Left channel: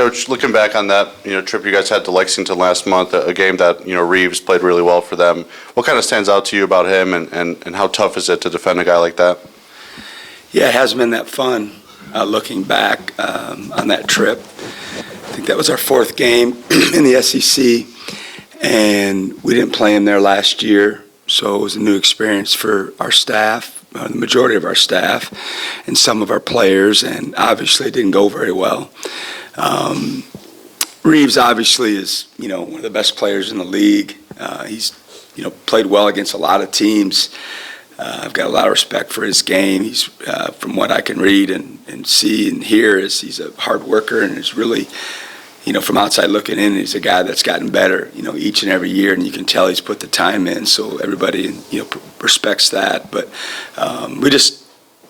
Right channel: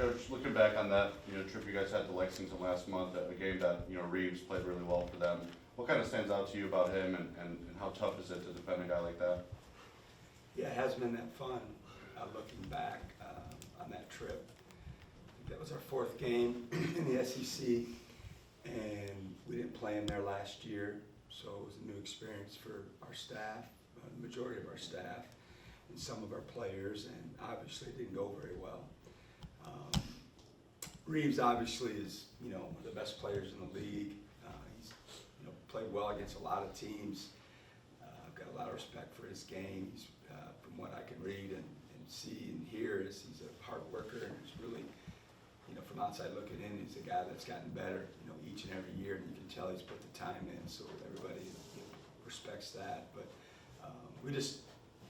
Coach, looking back on that trip you guys had to Lexington last month, a game that Reeves played really well for them. What kind of stands out to you about him, and how tough is it to defend a guy like that? Yeah, it hasn't been that fun looking back on that trip. I think that was our fourth game in the SEC, and we didn't play him there last year, so it was a new experience for our staff, the majority of our staff, and some of our players, and obviously it didn't go very well. Reeves obviously is, one of the best players in the league. He's, played well against a lot of teams. I've got a lot of respect for his game. He's, from what I can read and see and hear, he's a hard worker and is really, from outside looking in, he's a guy that's gotten better, each and every year, and you can tell he's put the time in. So everybody, respects that. But we just,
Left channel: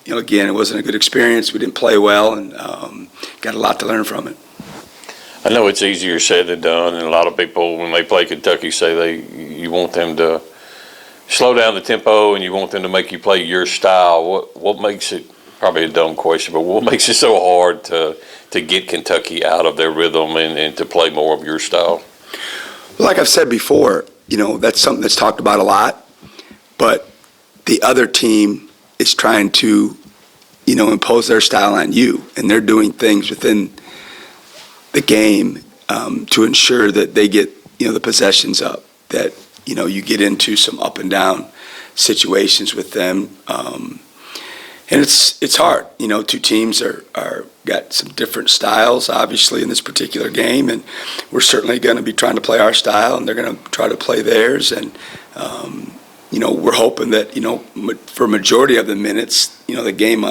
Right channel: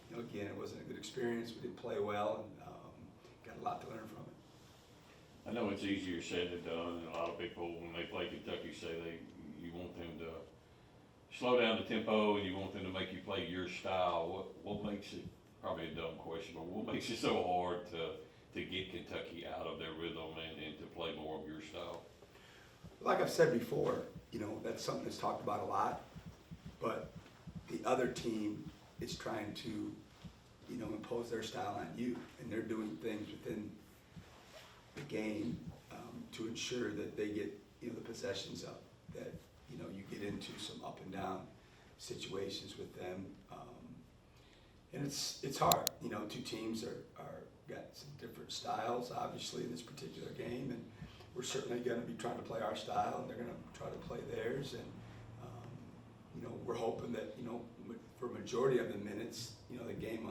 again, it wasn't a good experience. We didn't play well, and got a lot to learn from it. I know it's easier said than done, and a lot of people, when they play Kentucky, say you want them to slow down the tempo and you want them to make you play your style. What makes it, probably a dumb question, but what makes it so hard to get Kentucky out of their rhythm and to play more of your style? Like I've said before, that's something that's talked about a lot, but the other team is trying to, impose their style on you, and they're doing things within the game to ensure that they get, the possessions up, that, you get into some up and down situations with them. And it's hard. Two teams are got some different styles, obviously, in this particular game, and we're certainly going to be trying to play our style, and they're going to try to play theirs. And, we're hoping that, for a majority of the minutes, the game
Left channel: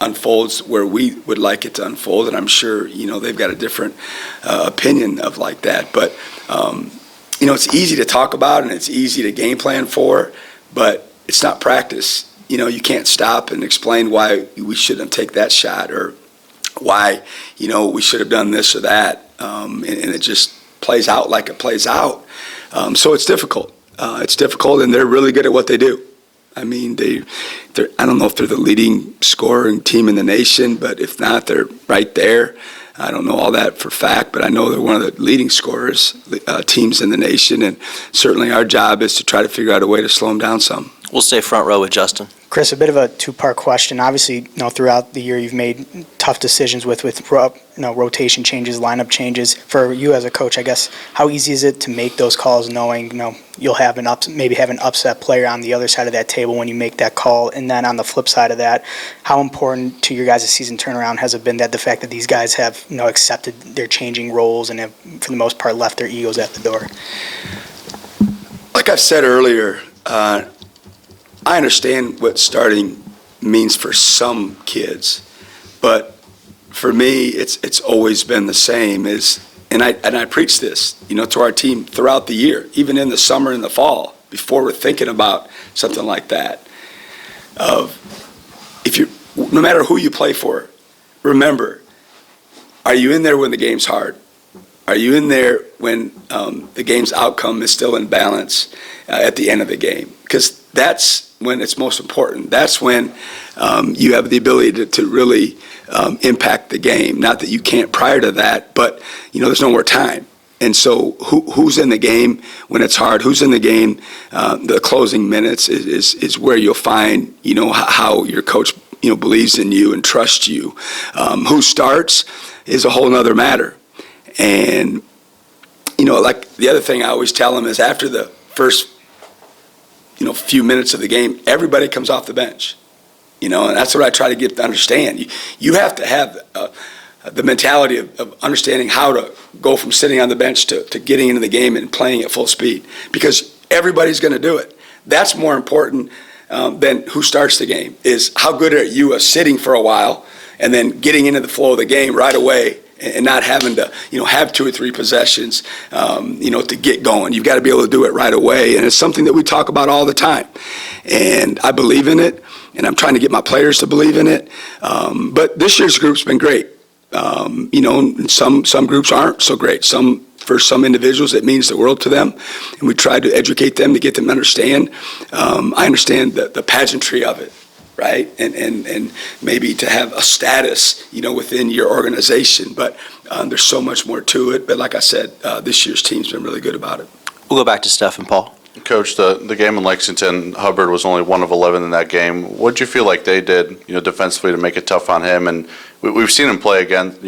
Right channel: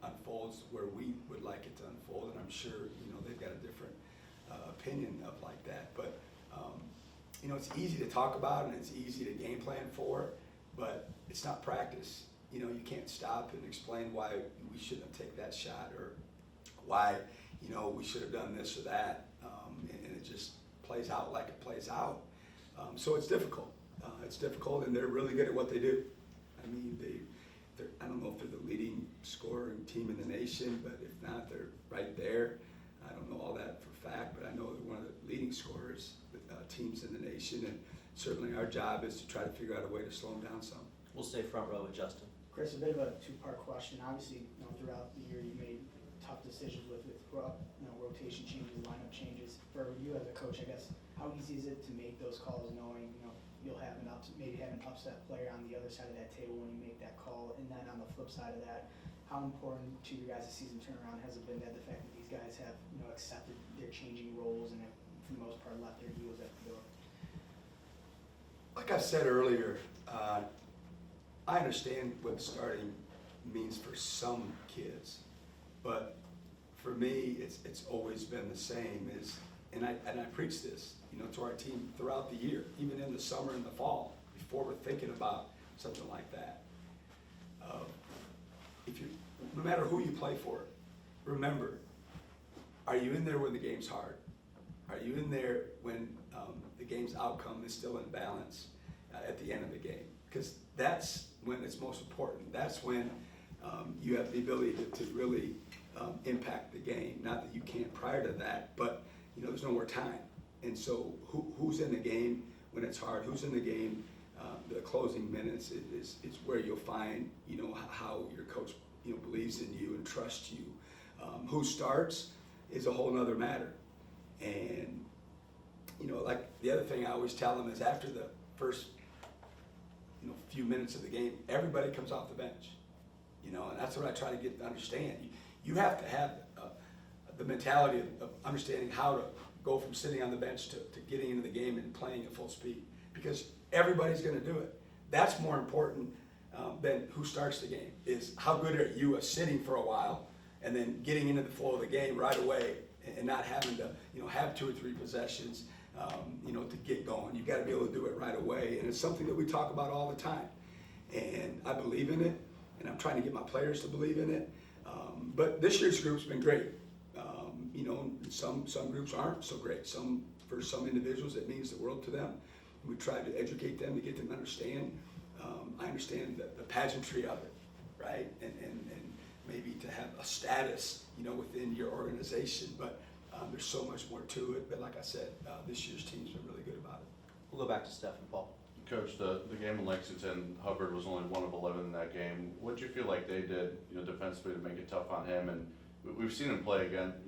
unfolds where we would like it to unfold, and I'm sure they've got a different opinion of like that. But it's easy to talk about and it's easy to game plan for, but it's not practice. You can't stop and explain why we shouldn't take that shot or why we should have done this or that, and it just plays out like it plays out. So it's difficult. It's difficult, and they're really good at what they do. I mean, I don't know if they're the leading scoring team in the nation, but if not, they're right there. I don't know all that for fact, but I know they're one of the leading scorers teams in the nation, and certainly our job is to try to figure out a way to slow them down some. We'll stay front row with Justin. Chris, a bit of a two-part question. Obviously, throughout the year you've made tough decisions with rotation changes, lineup changes. For you as a coach, I guess, how easy is it to make those calls knowing, you'll have maybe have an upset player on the other side of that table when you make that call? And then on the flip side of that, how important to your guys' season turnaround has it been that the fact that these guys have, accepted their changing roles and have, for the most part, left their egos at the door? Like I said earlier, I understand what starting means for some kids, but for me, it's always been the same. And I preach this, to our team throughout the year, even in the summer and the fall, before we're thinking about something like that. No matter who you play for, remember, are you in there when the game's hard? Are you in there when the game's outcome is still in balance at the end of the game? Because that's when it's most important. That's when you have the ability to really impact the game. Not that you can't prior to that, but there's no more time. And so who's in the game when it's hard? Who's in the game? The closing minutes is where you'll find how your coach believes in you and trusts you. Who starts is a whole nother matter. And like the other thing I always tell them is after the first few minutes of the game, everybody comes off the bench, and that's what I try to get to understand. You have to have the mentality of understanding how to go from sitting on the bench to getting into the game and playing at full speed, because everybody's going to do it. That's more important than who starts the game, is how good are you at sitting for a while and then getting into the flow of the game right away and not having to, have 2 or 3 possessions, to get going. You've got to be able to do it right away, and it's something that we talk about all the time. And I believe in it, and I'm trying to get my players to believe in it. But this year's group's been great. And some groups aren't so great. For some individuals, it means the world to them, and we try to educate them to get them to understand. I understand the pageantry of it, right? And maybe to have a status, within your organization. But There's so much more to it. But like I said, this year's team's been really good about it. We'll go back to Steph and Paul. Coach, the game in Lexington, Hubbard was only 1 of 11 in that game. What did you feel like they did, defensively to make it tough on him? And we've seen him play against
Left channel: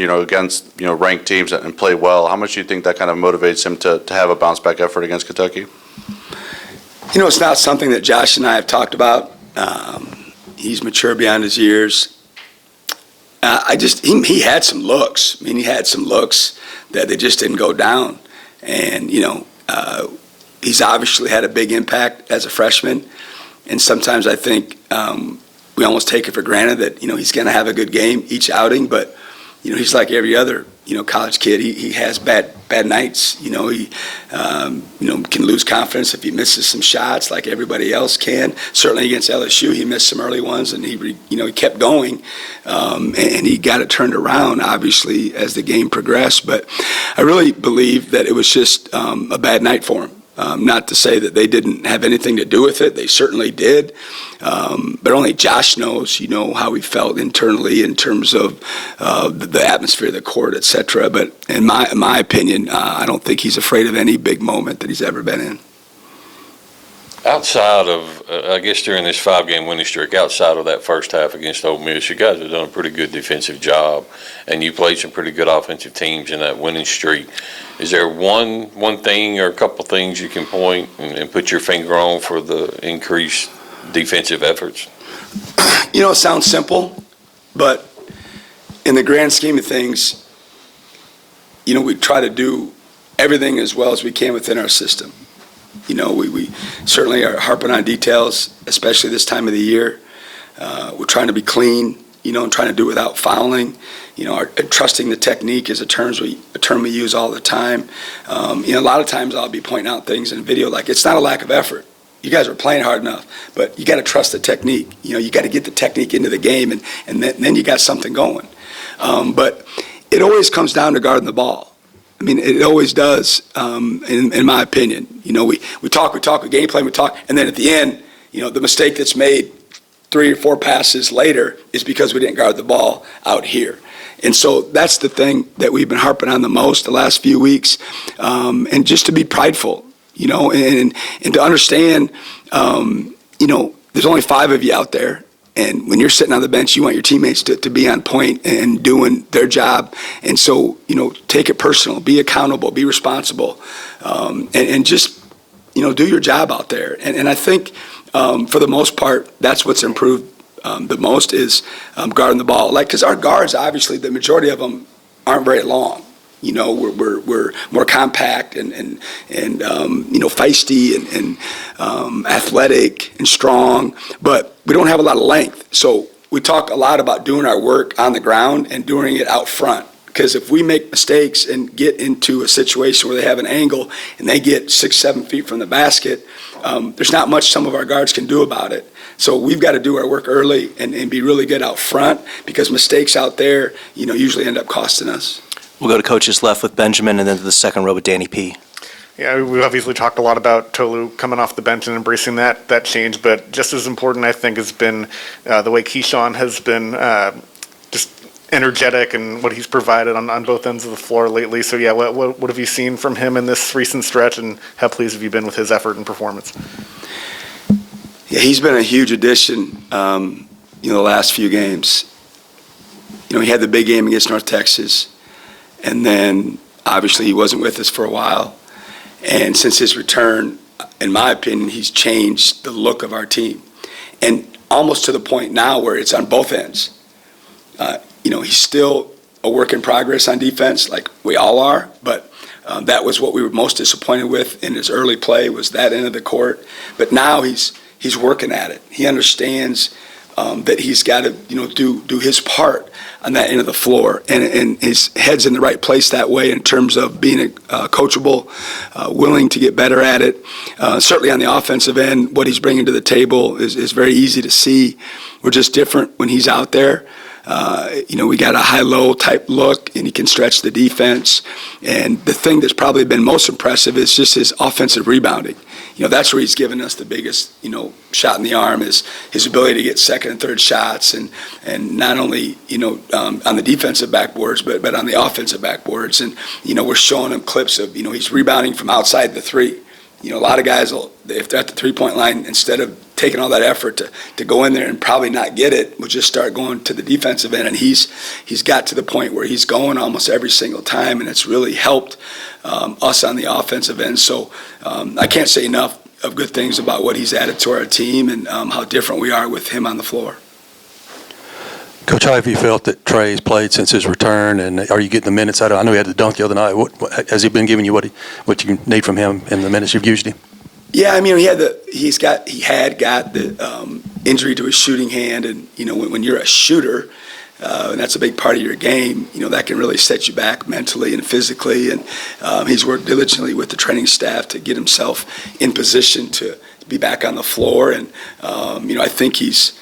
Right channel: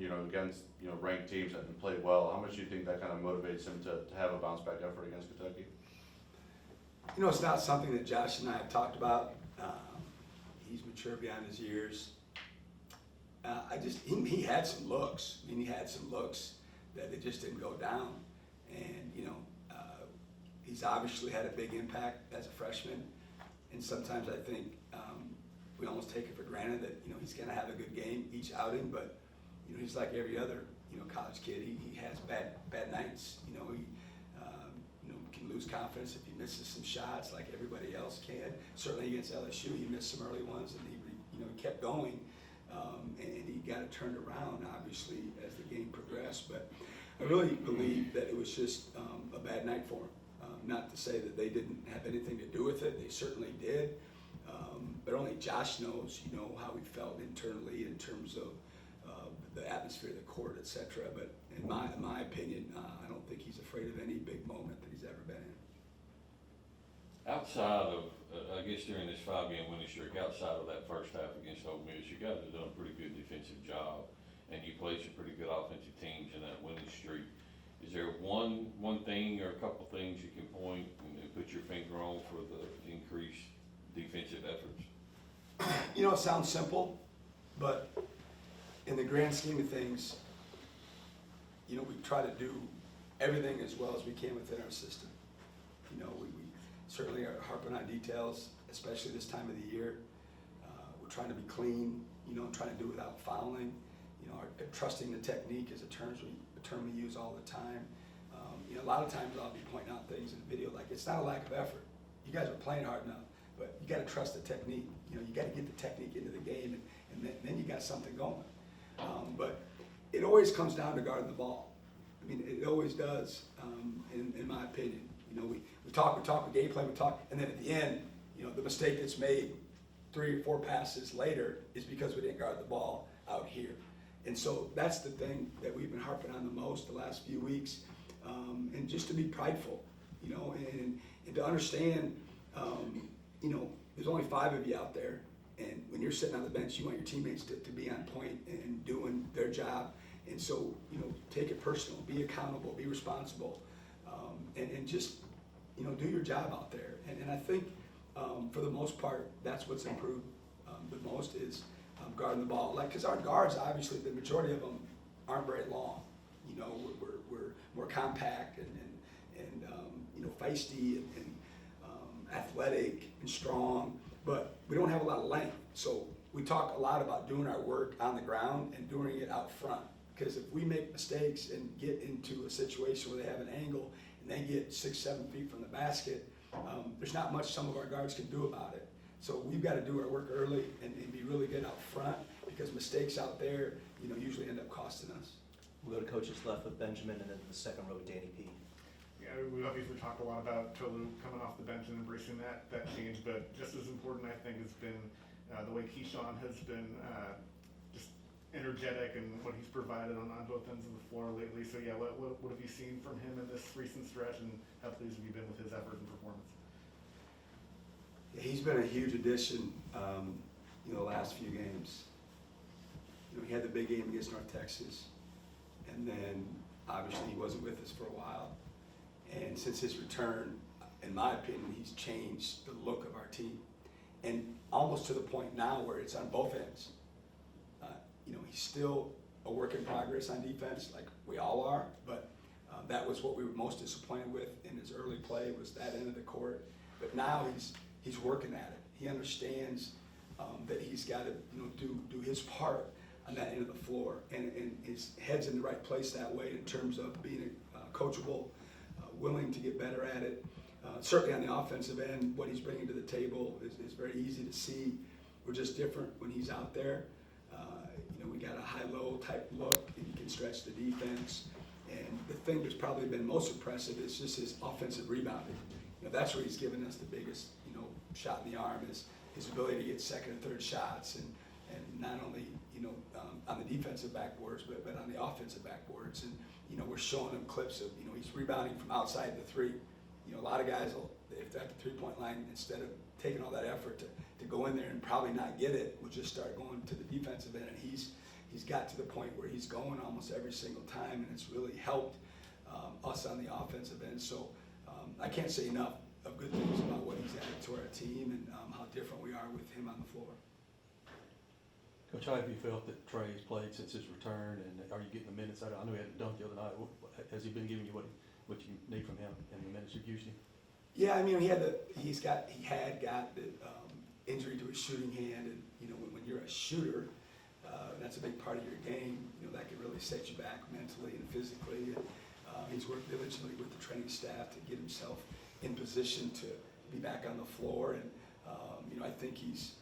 ranked teams and play well. How much do you think that kind of motivates him to have a bounce back effort against Kentucky? It's not something that Josh and I have talked about. He's mature beyond his years. He had some looks. He had some looks that they just didn't go down. And, he's obviously had a big impact as a freshman. And sometimes I think we almost take it for granted that, he's going to have a good game each outing. But, he's like every other, college kid. He has bad nights. He can lose confidence if he misses some shots like everybody else can. Certainly against LSU, he missed some early ones, and he kept going. And he got it turned around, obviously, as the game progressed. But I really believe that it was just a bad night for him. Not to say that they didn't have anything to do with it. They certainly did. But only Josh knows, how he felt internally in terms of the atmosphere of the court, et cetera. But in my opinion, I don't think he's afraid of any big moment that he's ever been in. Outside of, I guess during this 5-game winning streak, outside of that first half against Ole Miss, you guys have done a pretty good defensive job, and you played some pretty good offensive teams in that winning streak. Is there one thing or a couple things you can point and put your finger on for the increased defensive efforts? It sounds simple, but in the grand scheme of things, we try to do everything as well as we can within our system. We certainly are harping on details, especially this time of the year. We're trying to be clean, and trying to do it without fouling. Trusting the technique is a term we use all the time. A lot of times I'll be pointing out things in video like it's not a lack of effort. You guys are playing hard enough, but you got to trust the technique. You got to get the technique into the game, and then you got something going. But it always comes down to guarding the ball. It always does, in my opinion. We talk, we game plan, we talk, and then at the end, the mistake that's made 3 or 4 passes later is because we didn't guard the ball out here. And so that's the thing that we've been harping on the most the last few weeks, and just to be prideful, and to understand, there's only 5 of you out there. And when you're sitting on the bench, you want your teammates to be on point and doing their job. And so, take it personal, be accountable, be responsible, and just, do your job out there. And I think, for the most part, that's what's improved the most is guarding the ball. Because our guards, obviously, the majority of them aren't very long. We're more compact and feisty and athletic and strong, but we don't have a lot of length. So we talk a lot about doing our work on the ground and doing it out front. Because if we make mistakes and get into a situation where they have an angle and they get 6-7 feet from the basket, there's not much some of our guards can do about it. So we've got to do our work early and be really good out front, because mistakes out there, usually end up costing us. We'll go to coach's left with Benjamin, and then to the second row with Danny P. Yeah, we've obviously talked a lot about Tolu coming off the bench and embracing that change, but just as important, I think, has been the way Keyshawn has been just energetic and what he's provided on both ends of the floor lately. So, yeah, what have you seen from him in this recent stretch, and how pleased have you been with his effort and performance? Yeah, he's been a huge addition, the last few games. He had the big game against North Texas, and then obviously he wasn't with us for a while. And since his return, in my opinion, he's changed the look of our team. And almost to the point now where it's on both ends. He's still a work in progress on defense, like we all are, but that was what we were most disappointed with in his early play, was that end of the court. But now he's working at it. He understands that he's got to, do his part on that end of the floor, and his head's in the right place that way in terms of being coachable, willing to get better at it. Certainly on the offensive end, what he's bringing to the table is very easy to see. We're just different when he's out there. We got a high-low type look, and he can stretch the defense. And the thing that's probably been most impressive is just his offensive rebounding. That's where he's given us the biggest, shot in the arm, is his ability to get second and third shots, and not only, on the defensive backboards, but on the offensive backboards. And, we're showing him clips of, he's rebounding from outside the three. A lot of guys if they're at the three-point line, instead of taking all that effort to go in there and probably not get it, will just start going to the defensive end. And he's got to the point where he's going almost every single time, and it's really helped us on the offensive end. So I can't say enough of good things about what he's added to our team and how different we are with him on the floor. Coach, how have you felt that Trey's played since his return, and are you getting the minutes out of him? I know he had the dunk the other night. What has he been giving you what you need from him in the minutes you've used him? Yeah, he had got the injury to his shooting hand, and when you're a shooter, and that's a big part of your game, that can really set you back mentally and physically. And he's worked diligently with the training staff to get himself in position to be back on the floor. And I think he's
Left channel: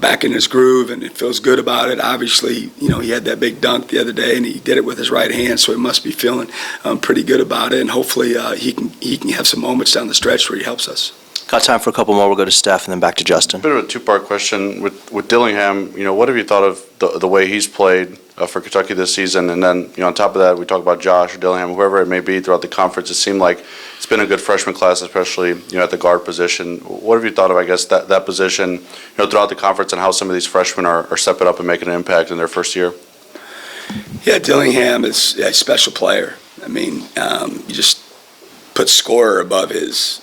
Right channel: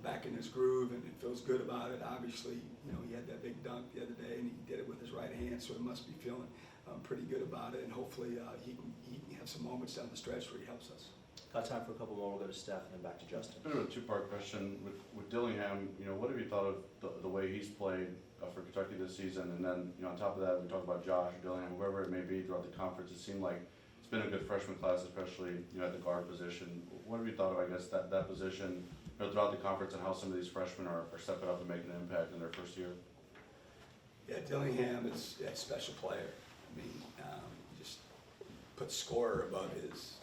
back in his groove, and it feels good about it. Obviously, he had that big dunk the other day, and he did it with his right hand, so he must be feeling pretty good about it. And hopefully, he can have some moments down the stretch where he helps us. Got time for a couple more. We'll go to Steph and then back to Justin. Bit of a two-part question with Dillingham. What have you thought of the way he's played for Kentucky this season? And then, on top of that, we talk about Josh or Dillingham, whoever it may be throughout the conference. It seemed like it's been a good freshman class, especially at the guard position. What have you thought of, I guess, that position, throughout the conference, and how some of these freshmen are stepping up and making an impact in their first year? Yeah, Dillingham is a special player. You just put scorer above his,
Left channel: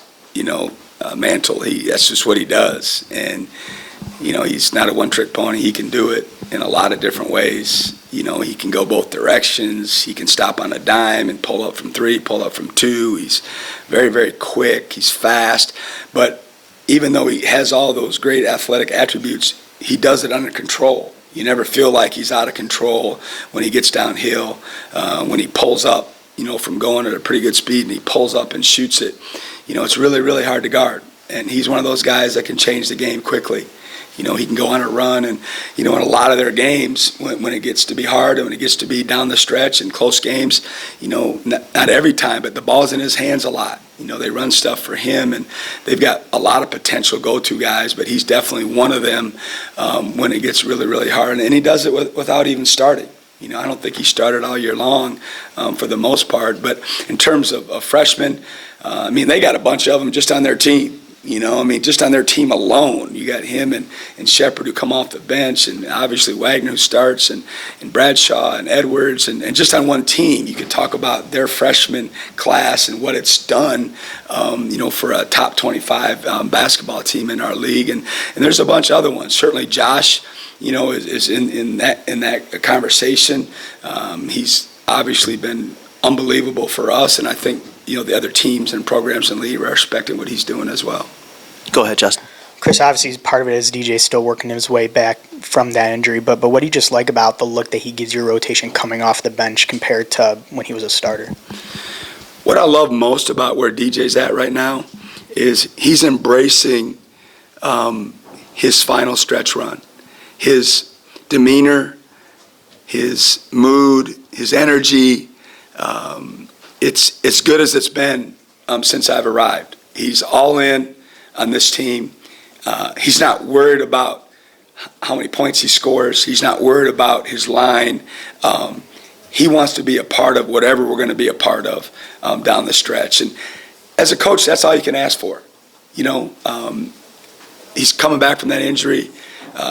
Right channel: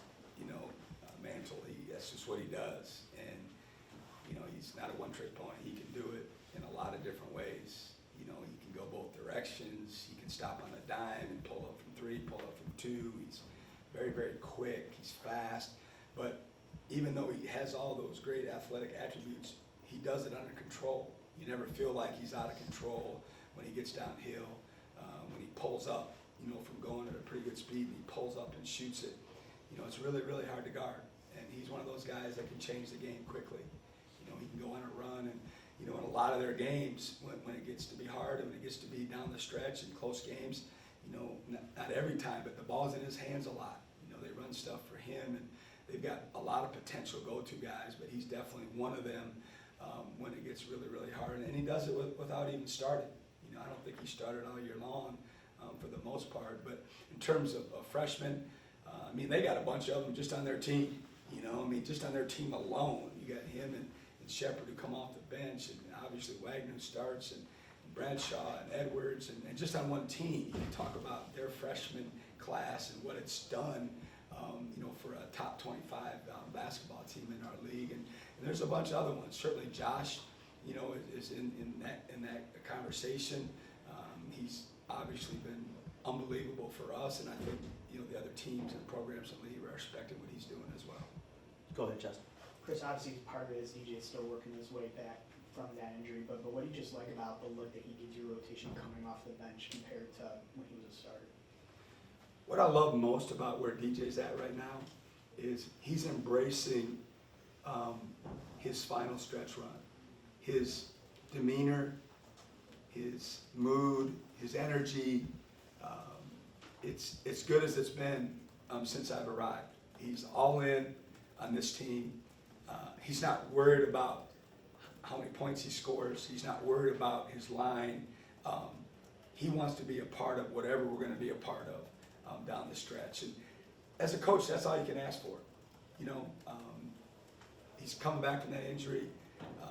mantle. That's just what he does. And, he's not a one-trick pony. He can do it in a lot of different ways. He can go both directions. He can stop on a dime and pull up from three, pull up from two. He's very, very quick. He's fast. But even though he has all those great athletic attributes, he does it under control. You never feel like he's out of control when he gets downhill, when he pulls up, from going at a pretty good speed, and he pulls up and shoots it. It's really, really hard to guard. And he's one of those guys that can change the game quickly. He can go on a run, and, in a lot of their games, when it gets to be hard and when it gets to be down the stretch in close games, not every time, but the ball's in his hands a lot. They run stuff for him, and they've got a lot of potential go-to guys, but he's definitely one of them when it gets really, really hard. And he does it without even starting. I don't think he started all year long for the most part, but in terms of freshmen, they got a bunch of them just on their team. Just on their team alone, you got him and Shepard who come off the bench, and obviously Wagner who starts, and Bradshaw and Edwards, and just on one team, you could talk about their freshman class and what it's done, for a top 25 basketball team in our league, and there's a bunch of other ones. Certainly Josh, is in that conversation. He's obviously been unbelievable for us, and I think the other teams and programs in the league are respecting what he's doing as well. Go ahead, Justin. Chris, obviously part of it is DJ still working his way back from that injury, but what do you just like about the look that he gives your rotation coming off the bench compared to when he was a starter? What I love most about where DJ's at right now is he's embracing his final stretch run. His demeanor, his mood, his energy, it's as good as it's been since I've arrived. He's all in on this team. He's not worried about how many points he scores. He's not worried about his line. He wants to be a part of whatever we're going to be a part of down the stretch. And as a coach, that's all you can ask for. He's coming back from that injury.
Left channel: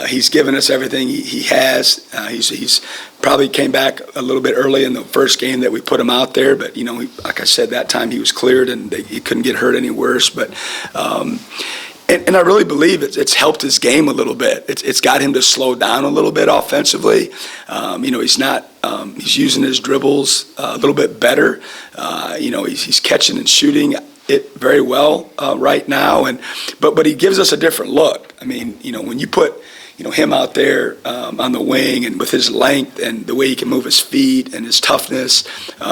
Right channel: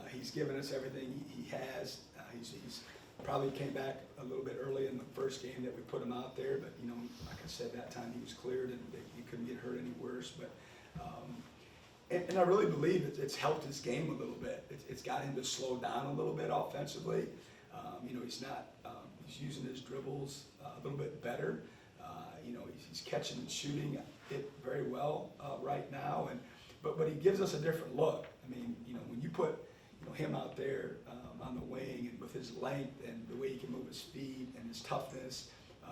He's given us everything he has. He's probably came back a little bit early in the first game that we put him out there, but like I said, that time he was cleared and he couldn't get hurt any worse. But and I really believe it's helped his game a little bit. It's got him to slow down a little bit offensively. He's not. He's using his dribbles a little bit better. He's catching and shooting it very well right now, but he gives us a different look. When you put him out there on the wing and with his length and the way he can move his feet and his toughness,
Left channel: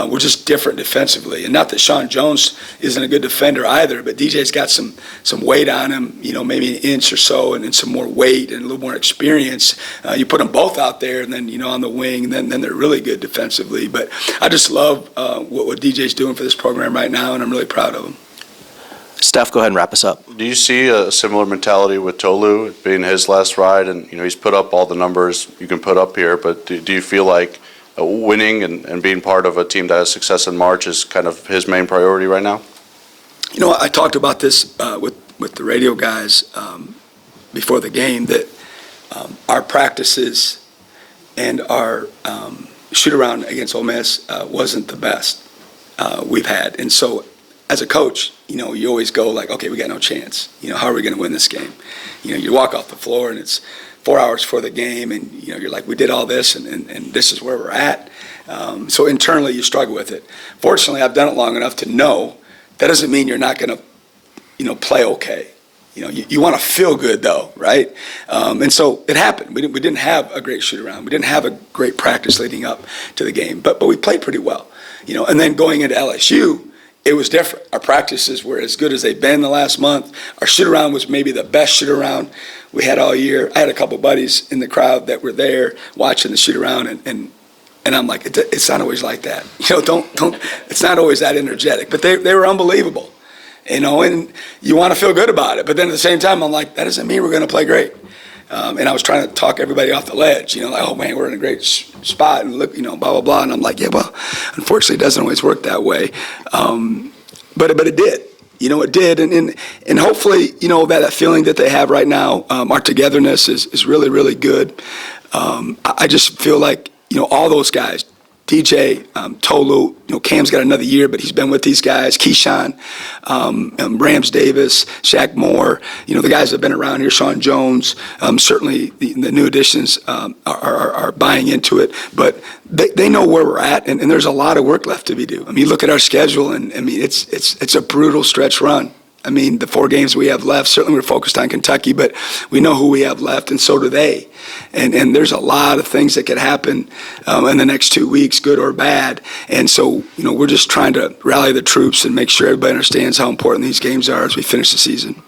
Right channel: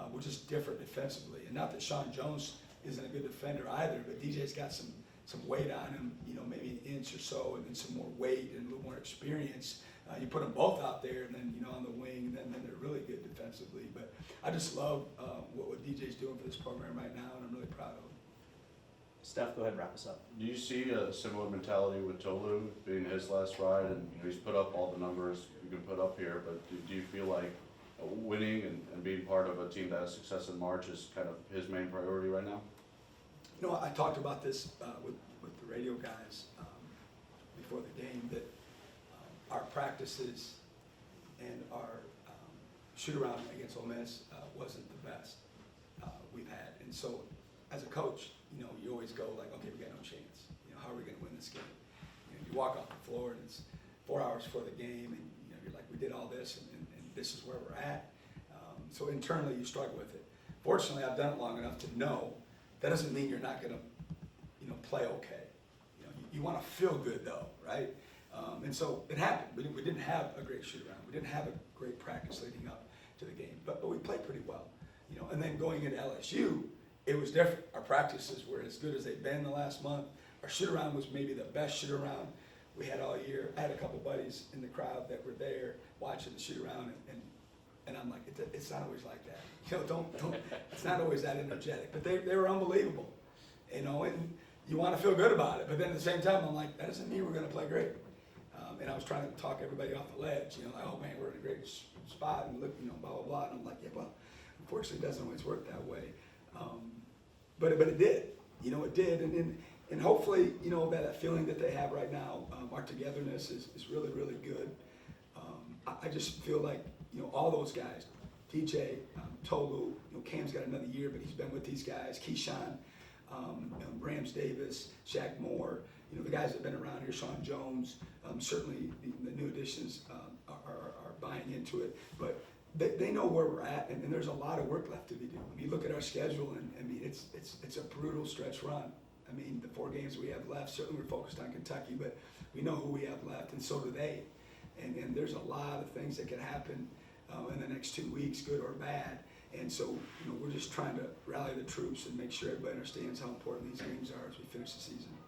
we're just different defensively. And not that Sean Jones isn't a good defender either, but DJ's got some weight on him, maybe an inch or so, and then some more weight and a little more experience. You put them both out there, and then on the wing, and then they're really good defensively. But I just love what DJ's doing for this program right now, and I'm really proud of him. Steph, go ahead and wrap us up. Do you see a similar mentality with Tolu, it being his last ride, and he's put up all the numbers you can put up here, but do you feel like winning and being part of a team that has success in March is kind of his main priority right now? I talked about this with the radio guys before the game, that our practices and our shoot-around against Ole Miss wasn't the best we've had. And so as a coach, you always go like, okay, we got no chance. How are we going to win this game? You walk off the floor and it's 4 hours before the game, and you're like, we did all this, and this is where we're at. So internally, you struggle with it. Fortunately, I've done it long enough to know that doesn't mean you're not going to, play okay. You want to feel good though, right? And so it happened. We didn't have a great shoot around. We didn't have a great practice leading up to the game, but we played pretty well. And then going into LSU, it was different. Our practices were as good as they've been the last month. Our shoot-around was maybe the best shoot-around we had all year. I had a couple buddies in the crowd that were there watching the shoot-around, and I'm like, it's not always like that. Don't. It's not always that energetic. But they were unbelievable, and you want to feel good about it. But then at the same time, I'm like, that doesn't mean we're going to play great. And I was trying to talk everybody off the ledge, like, oh man, we're in a great spot, and look, blah, blah, blah. And I'm like, yeah, well, unfortunately, it doesn't always work that way. But it did. It did. And hopefully, that feeling that they have right now, our togetherness is really, really good. I just feel like, all those guys, DJ, Tolu, Cam's got another year, but he's been with these guys. Keyshawn, Rams Davis, Shaq Moore, the guys that have been around here, Sean Jones, certainly the new additions are buying into it. But they know where we're at, and there's a lot of work left to be done. I mean, look at our schedule, and I mean, it's a brutal stretch run. I mean, the 4 games we have left, certainly we're focused on Kentucky, but we know who we have left, and so do they. And there's a lot of things that could happen in the next 2 weeks, good or bad. And so, we're just trying to rally the troops and make sure everybody understands how important these games are as we finish the season.